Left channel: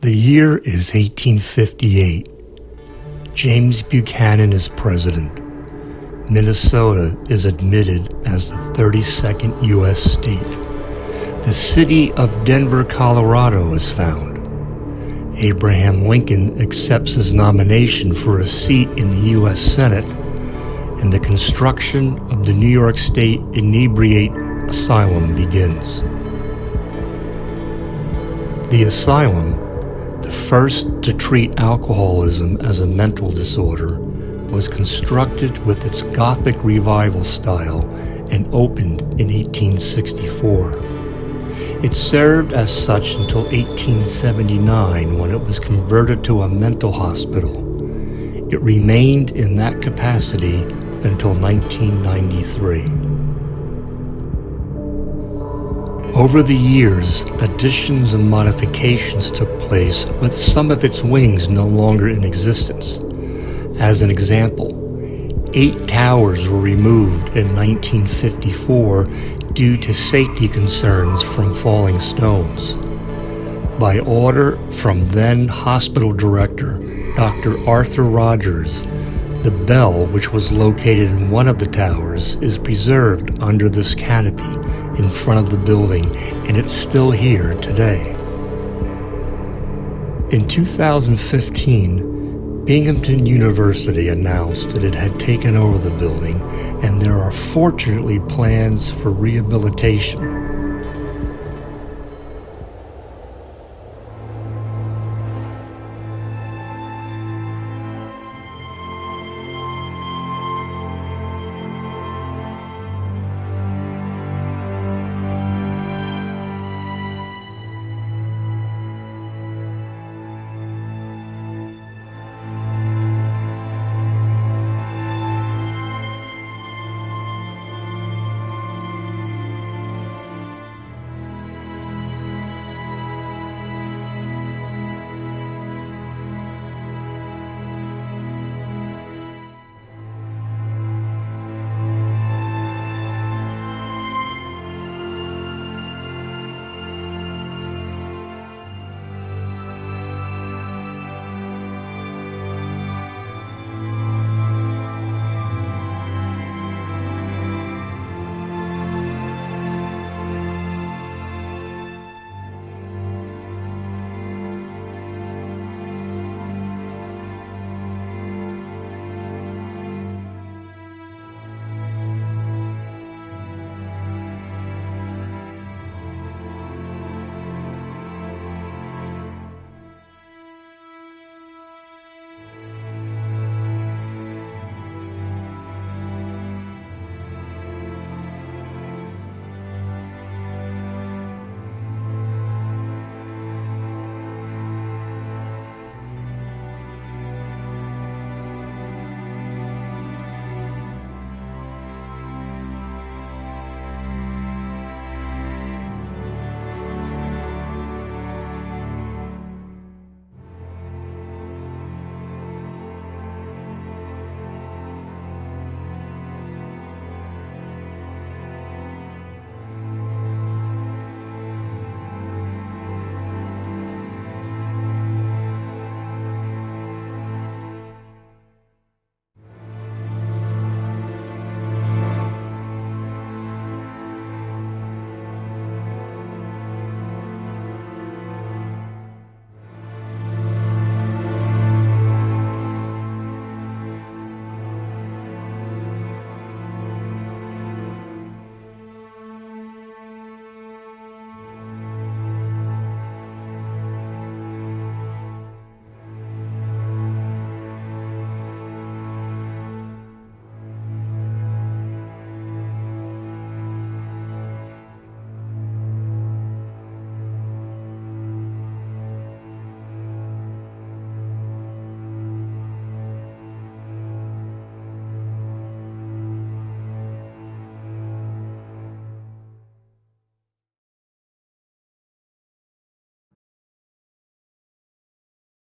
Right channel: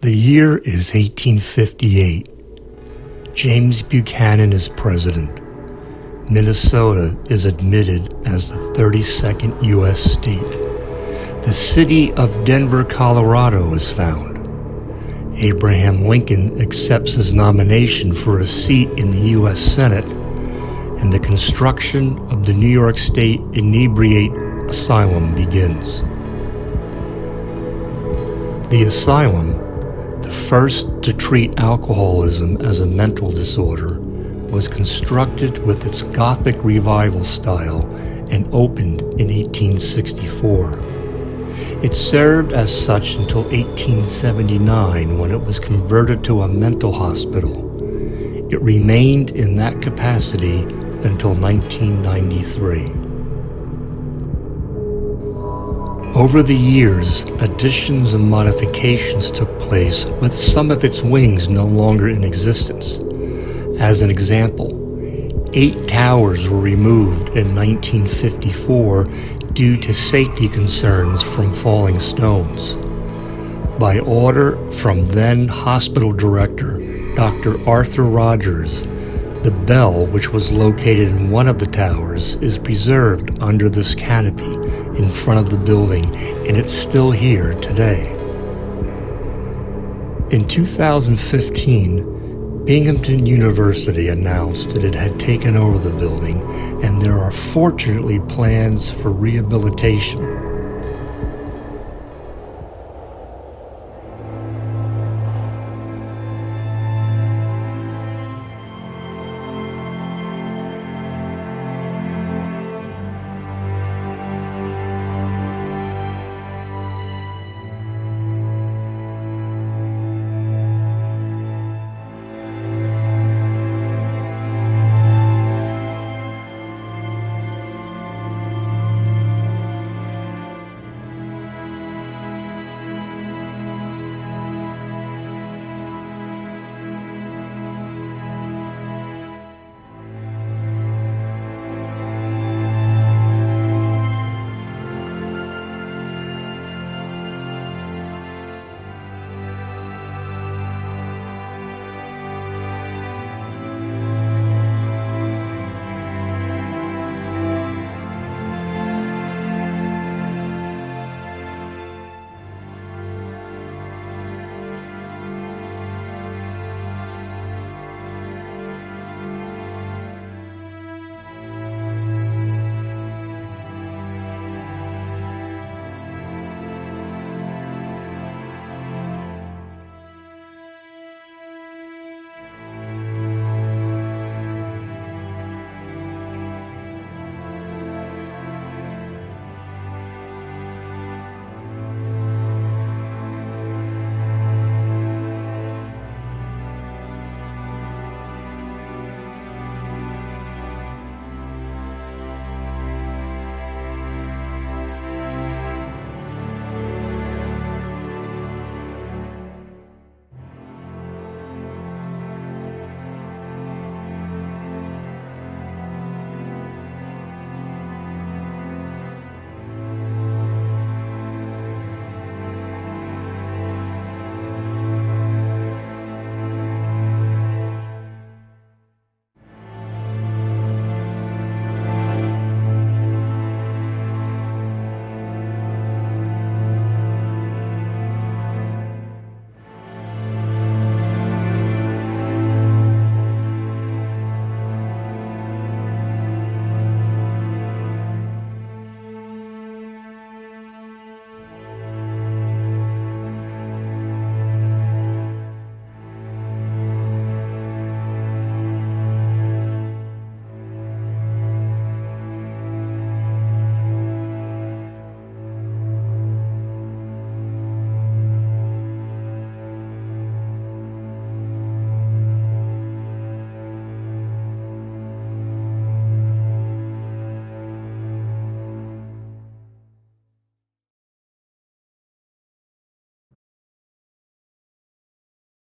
The year is 1858. James Buchanan is president. Minnesota is admitted as the 32nd U.S. state. The city of Denver, Colorado is found. Abraham Lincoln accepts his nomination for a seat in the U.S. Senate, and the construction of the New York State Inebriate Asylum begins. The asylum, the first to treat alcoholism as a mental disorder, was constructed with its Gothic Revival style and opened in 1864. It served as such until 1879, when it was converted to a mental hospital. It remained in that capacity until 1993. Over the years, additions and modifications took place, with some of its wings no longer in existence. As an example, 8 towers were removed in 1954 due to safety concerns from falling stones. By order from then hospital director Dr. Arthur Rogers, the bell, which was located in one of the towers, is preserved under this canopy in front of the building, and it's still here today. In 2015, Binghamton University announced that it had taken over the building, and there are fortunately plans for rehabilitation.